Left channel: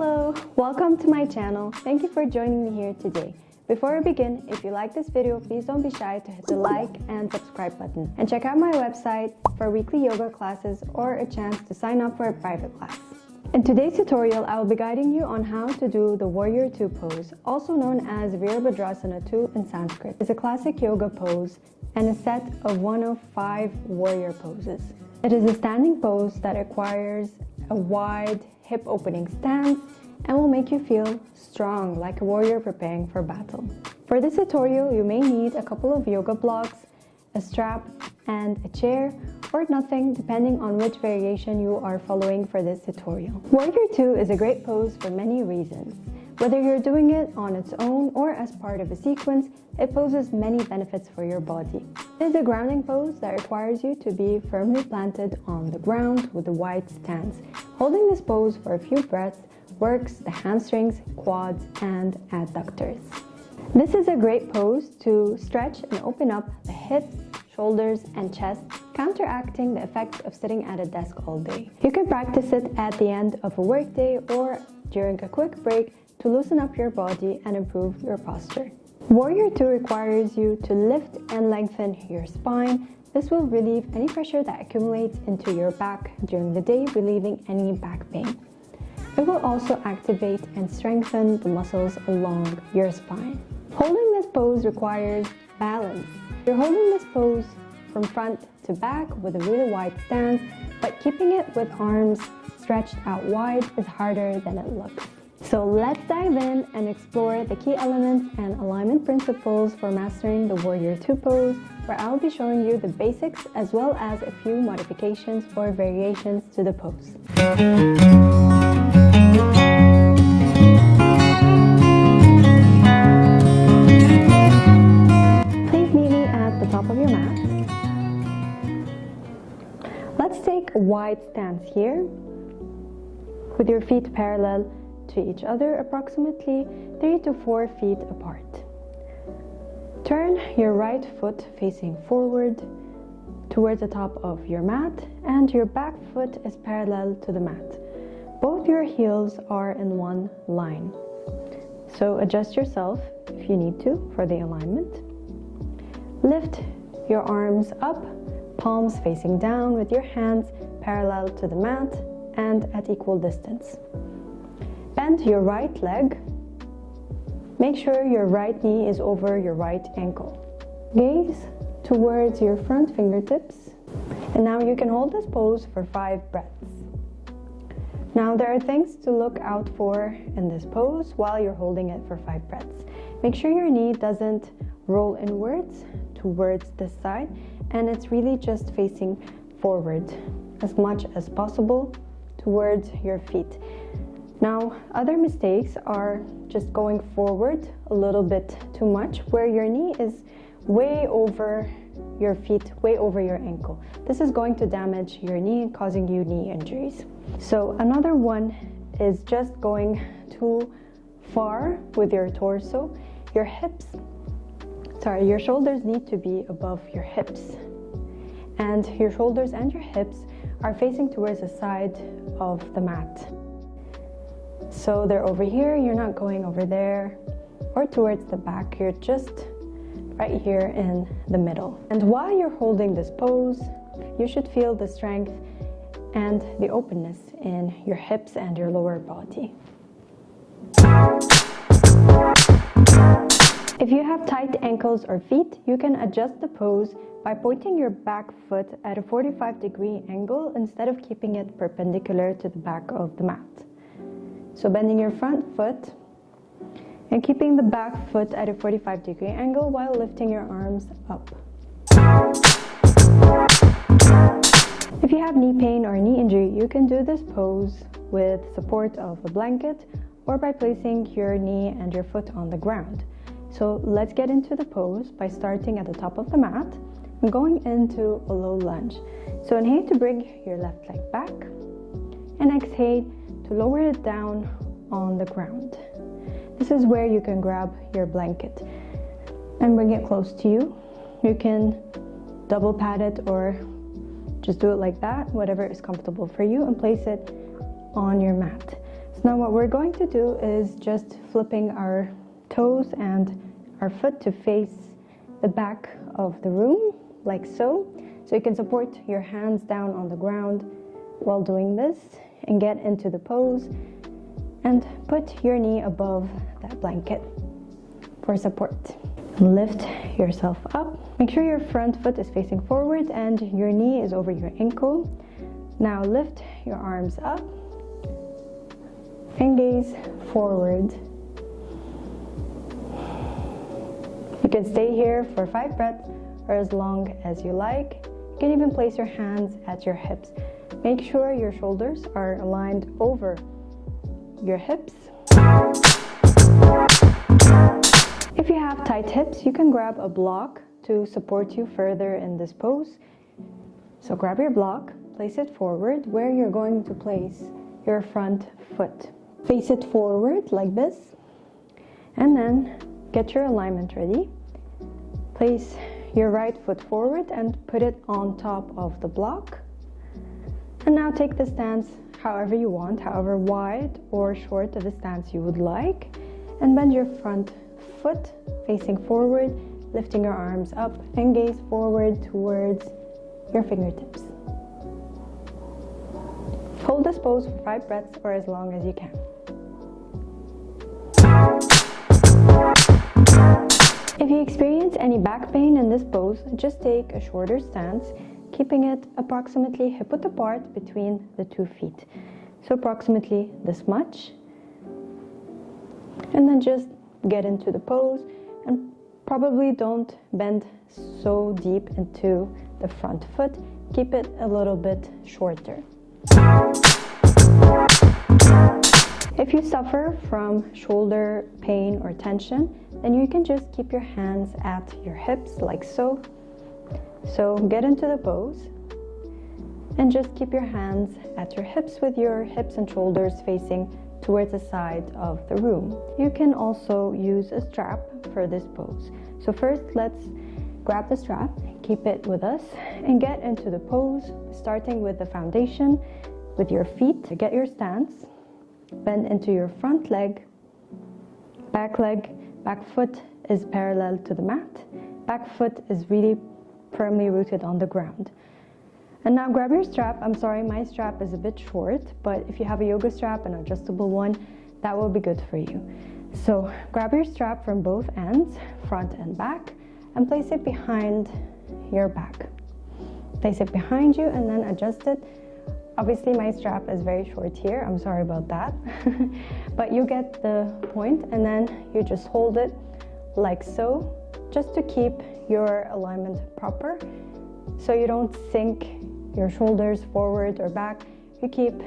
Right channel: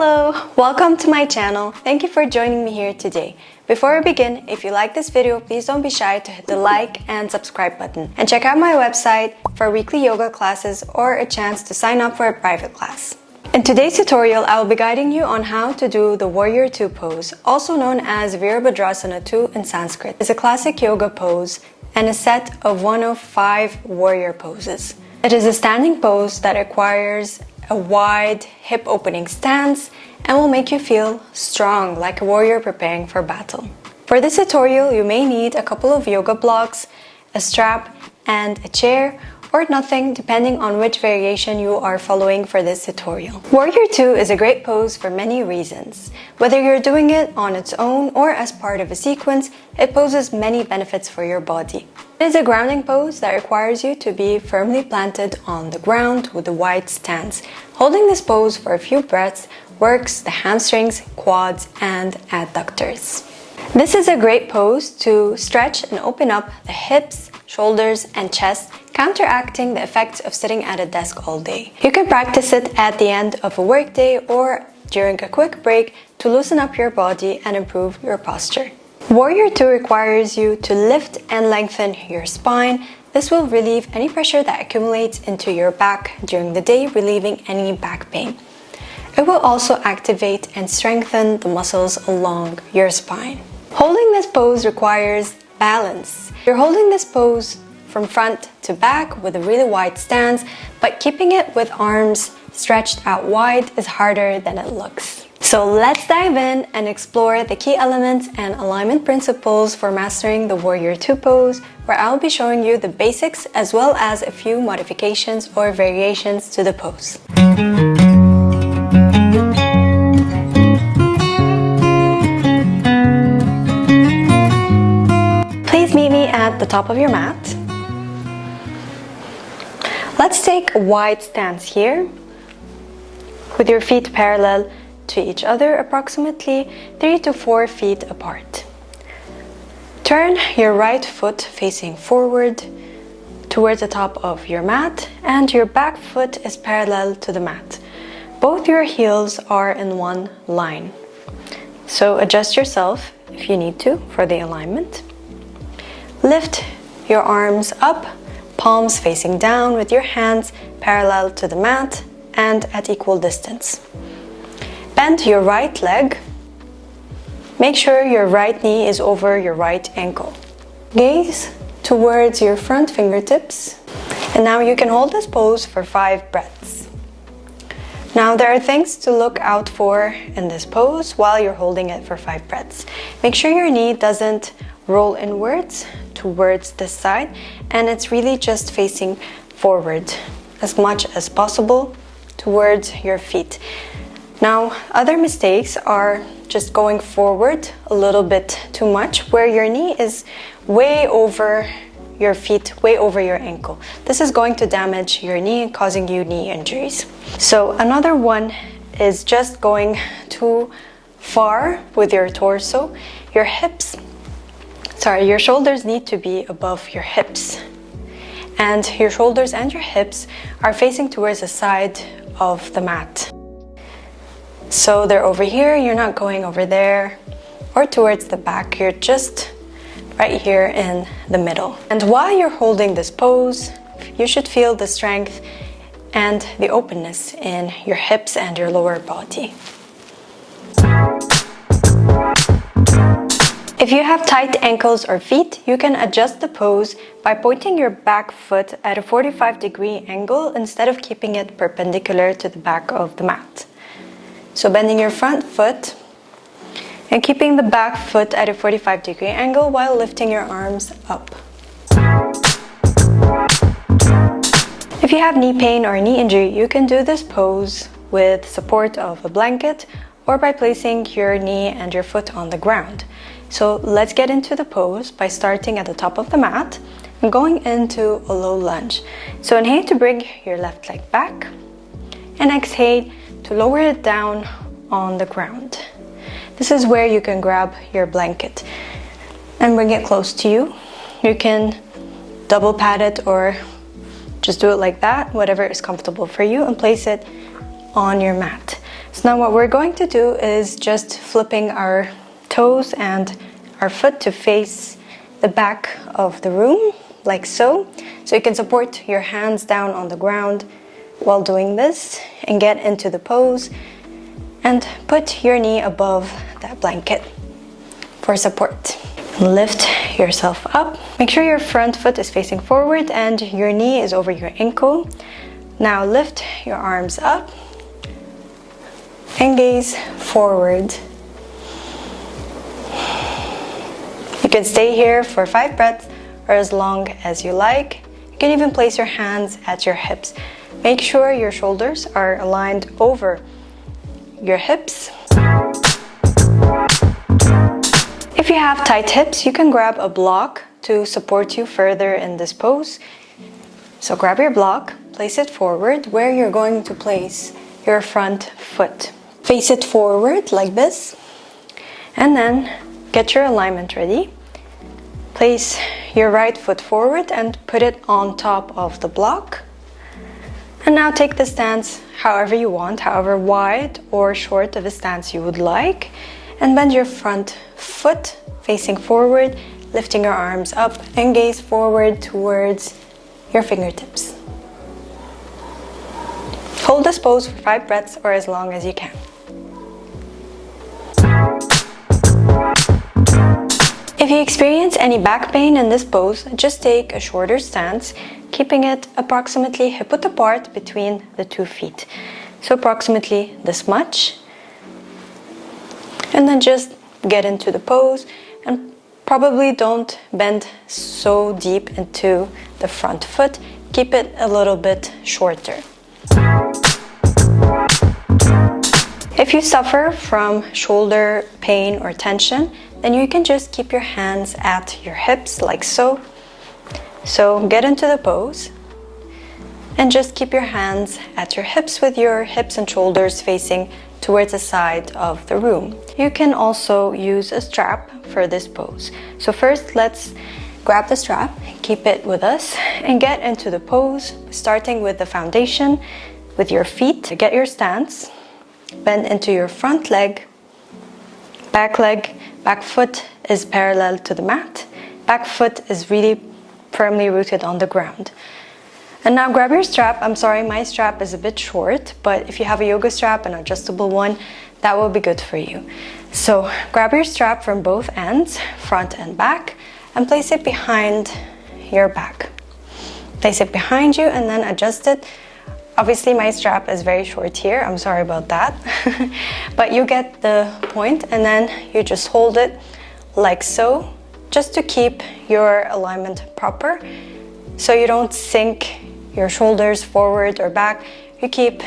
Hello! Welcome to my channel. Thank you for joining me here today. Before we begin, if you like this video, please don't be shy to hit the like and subscribe button. And check out my website for weekly yoga classes or a chance to sign up for a private class. In today's tutorial, I will be guiding you on how to do the Warrior 2 pose, also known as Virabhadrasana 2 in Sanskrit. It's a classic yoga pose and a set of one of 5 warrior poses. It is a standing pose that requires a wide hip opening stance and will make you feel strong like a warrior preparing for battle. For this tutorial, you may need a couple of yoga blocks, a strap, and a chair, or nothing depending on which variation you are following for this tutorial. Warrior 2 is a great pose for many reasons. Whether you're doing it on its own or as part of a sequence, it poses many benefits for your body. It is a grounding pose that requires you to be firmly planted on the ground with a wide stance. Holding this pose for a few breaths works the hamstrings, quads, and adductors. This is a great pose to stretch and open up the hips, shoulders, and chest, counteracting the effects of sitting at a desk all day. You can practice it at the end of a workday or during a quick break to loosen up your body and improve your posture. Warrior 2 requires you to lift and lengthen your spine. This will relieve any pressure that accumulates into your back during the day, relieving any back pain. It will also activate and strengthen the muscles along your spine. Holding this pose requires balance. You're holding this pose from front to back with a really wide stance, but keeping it with arms stretched out wide is harder than it looks. So let's dive in and explore the key elements and alignment principles for mastering the Warrior 2 pose, where I'll be showing you the basics as well as a few modifications or variations to the pose. Please meet me at the top of your mat. Let's take a wide stance here with your feet parallel to each other, approximately 3 to 4 feet apart. Turn your right foot facing forward towards the top of your mat, and your back foot is parallel to the mat. Both your heels are in one line. So adjust yourself if you need to for the alignment. Lift your arms up, palms facing down with your hands parallel to the mat and at equal distance. Bend your right leg. Make sure your right knee is over your right ankle. Gaze towards your front fingertips. And now you can hold this pose for 5 breaths. Now there are things to look out for in this pose while you're holding it for 5 breaths. Make sure your knee doesn't roll inwards towards this side, and it's really just facing forward as much as possible towards your feet. Now, other mistakes are just going forward a little bit too much, where your knee is way over your feet, way over your ankle. This is going to damage your knee and causing you knee injuries. So another one is just going too far with your torso. Your shoulders need to be above your hips. And your shoulders and your hips are facing towards the side of the mat. So they're over here, you're not going over there or towards the back, you're just right here in the middle. And while you're holding this pose, you should feel the strength and the openness in your hips and your lower body. If you have tight ankles or feet, you can adjust the pose by pointing your back foot at a 45-degree angle instead of keeping it perpendicular to the back of the mat. So bending your front foot and keeping the back foot at a 45-degree angle while lifting your arms up. If you have knee pain or knee injury, you can do this pose with support of a blanket or by placing your knee and your foot on the ground. So let's get into the pose by starting at the top of the mat and going into a low lunge. So inhale to bring your left leg back and exhale to lower it down on the ground. This is where you can grab your blanket and bring it close to you. You can double pat it or just do it like that, whatever is comfortable for you, and place it on your mat. So now what we're going to do is just flipping our toes and our foot to face the back of the room, like so. So you can support your hands down on the ground while doing this and get into the pose, and put your knee above that blanket for support. Lift yourself up. Make sure your front foot is facing forward and your knee is over your ankle. Now lift your arms up and gaze forward. You can stay here for 5 breaths or as long as you like. You can even place your hands at your hips. Make sure your shoulders are aligned over your hips. If you have tight hips, you can grab a block to support you further in this pose. So grab your block, place it forward where you're going to place your front foot. Face it forward like this, and then get your alignment ready. Place your right foot forward and put it on top of the block. And now take the stance however you want, however wide or short of a stance you would like. And bend your front foot facing forward, lifting your arms up and gaze forward towards your fingertips. Hold this pose for 5 breaths or as long as you can. If you experience any back pain in this pose, just take a shorter stance, keeping it approximately hip-width apart between the 2 feet. So approximately this much. And then just get into the pose, and probably don't bend so deep into the front foot. Keep it a little bit shorter. If you suffer from shoulder pain or tension, then you can just keep your hands at your hips like so. So get into the pose and just keep your hands at your hips with your hips and shoulders facing towards the side of the room. You can also use a strap for this pose. So first, let's grab the strap, keep it with us, and get into the pose, starting with the foundation with your feet. Get your stance, bend into your front leg, back foot is parallel to the mat, back foot is really firmly rooted on the ground. And now grab your strap. I'm sorry, my strap is a bit short, but if you have a yoga strap, an adjustable one, that will be good for you. So grab your strap from both ends, front and back, and place it behind your back. Place it behind you and then adjust it. Obviously my strap is very short here, I'm sorry about that. But you get the point, and then you just hold it like so, just to keep your alignment proper, so you don't sink your shoulders forward or back. You keep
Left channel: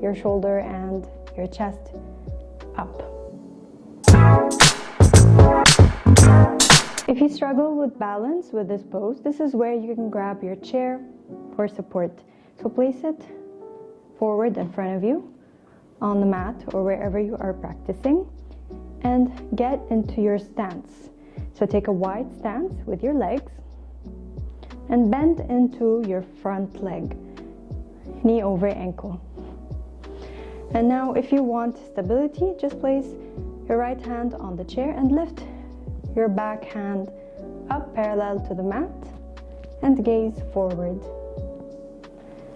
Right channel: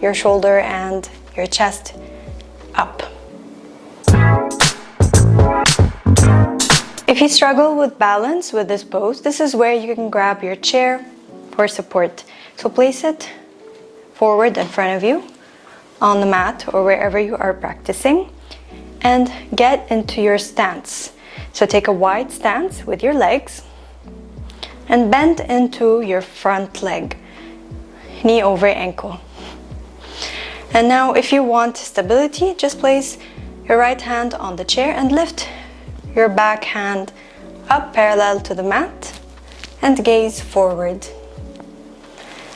your shoulder and your chest up. If you struggle with balance with this pose, this is where you can grab your chair for support. So place it forward in front of you on the mat or wherever you are practicing, and get into your stance. So take a wide stance with your legs and bend into your front leg, knee over ankle. And now if you want stability, just place your right hand on the chair and lift your back hand up parallel to the mat and gaze forward.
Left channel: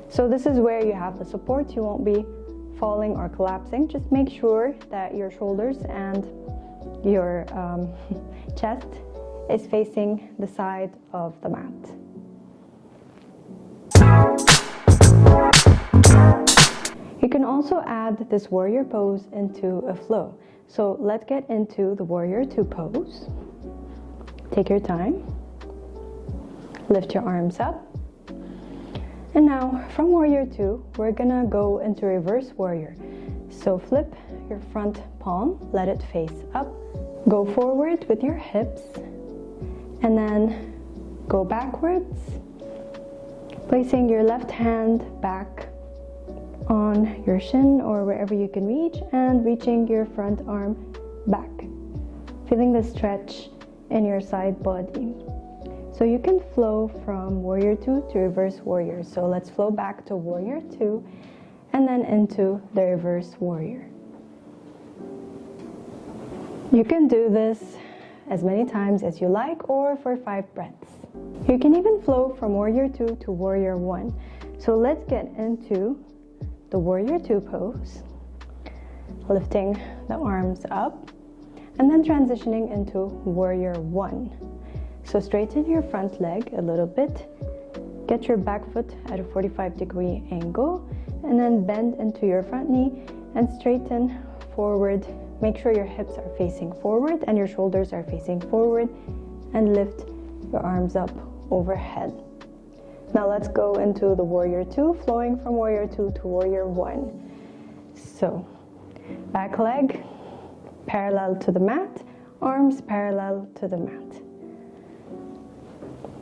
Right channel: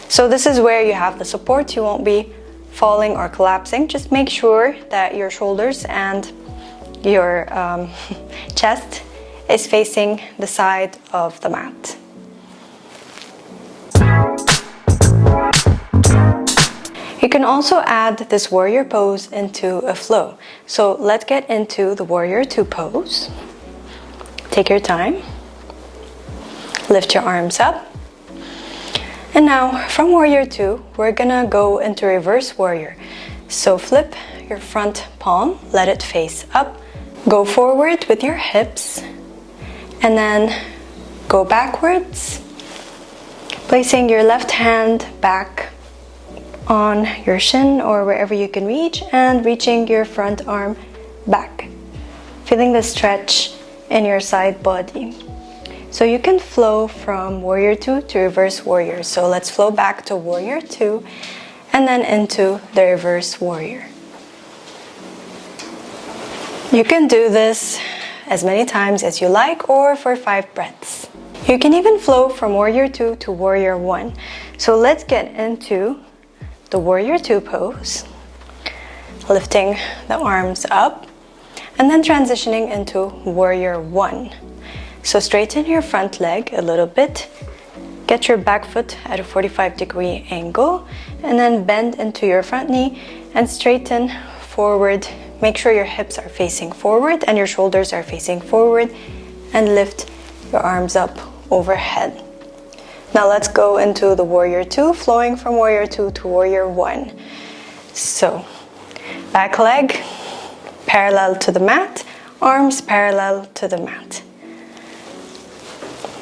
So this is where you have the support. You won't be falling or collapsing. Just make sure that your shoulders and your chest is facing the side of the mat. You can also add this warrior pose into a flow. So let's get into the warrior 2 pose. Take your time. Lift your arms up. And now from warrior 2, we're gonna go into reverse warrior. So flip your front palm, let it face up. Go forward with your hips and then go backwards, placing your left hand back on your shin or wherever you can reach, and reaching your front arm back, feeling the stretch in your side body. So you can flow from warrior 2 to reverse warrior. So let's flow back to warrior 2 and then into the reverse warrior. You can do this as many times as you like or for 5 breaths. You can even flow from warrior 2 to warrior 1. So let's get into the warrior 2 pose, lifting the arms up and then transitioning into warrior 1. So straighten your front leg a little bit, get your back foot at a 45-degree angle, and then bend into your front knee and straighten forward. Make sure your hips are facing forward and your shoulders are facing forward, and lift your arms up overhead. Now let's go into the warrior 2, flowing from warrior 2 to warrior 1. So back leg parallel to the mat, arms parallel to the mat.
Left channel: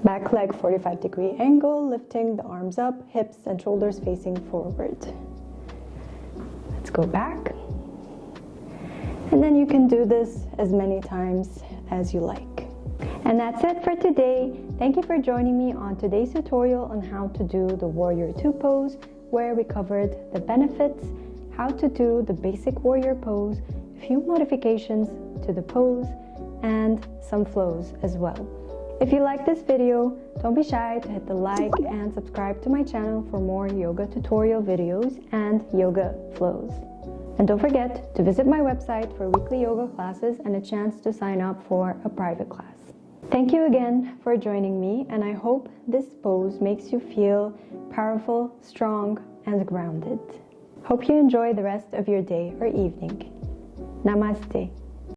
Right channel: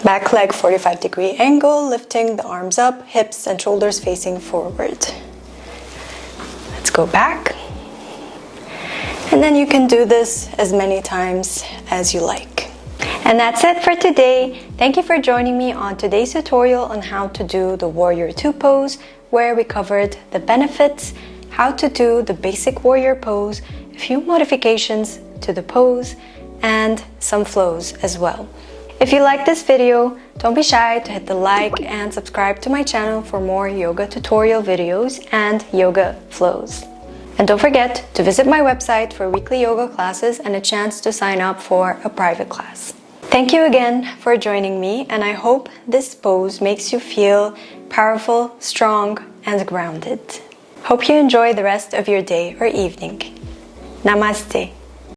Back leg 45-degree angle, lifting the arms up, hips and shoulders facing forward. Let's go back. And then you can do this as many times as you like. And that's it for today. Thank you for joining me on today's tutorial on how to do the warrior 2 pose, where we covered the benefits, how to do the basic warrior pose, a few modifications to the pose, and some flows as well. If you like this video, don't be shy to hit the like and subscribe to my channel for more yoga tutorial videos and yoga flows. And don't forget to visit my website for weekly yoga classes and a chance to sign up for a private class. Thank you again for joining me, and I hope this pose makes you feel powerful, strong, and grounded. Hope you enjoy the rest of your day or evening. Namaste.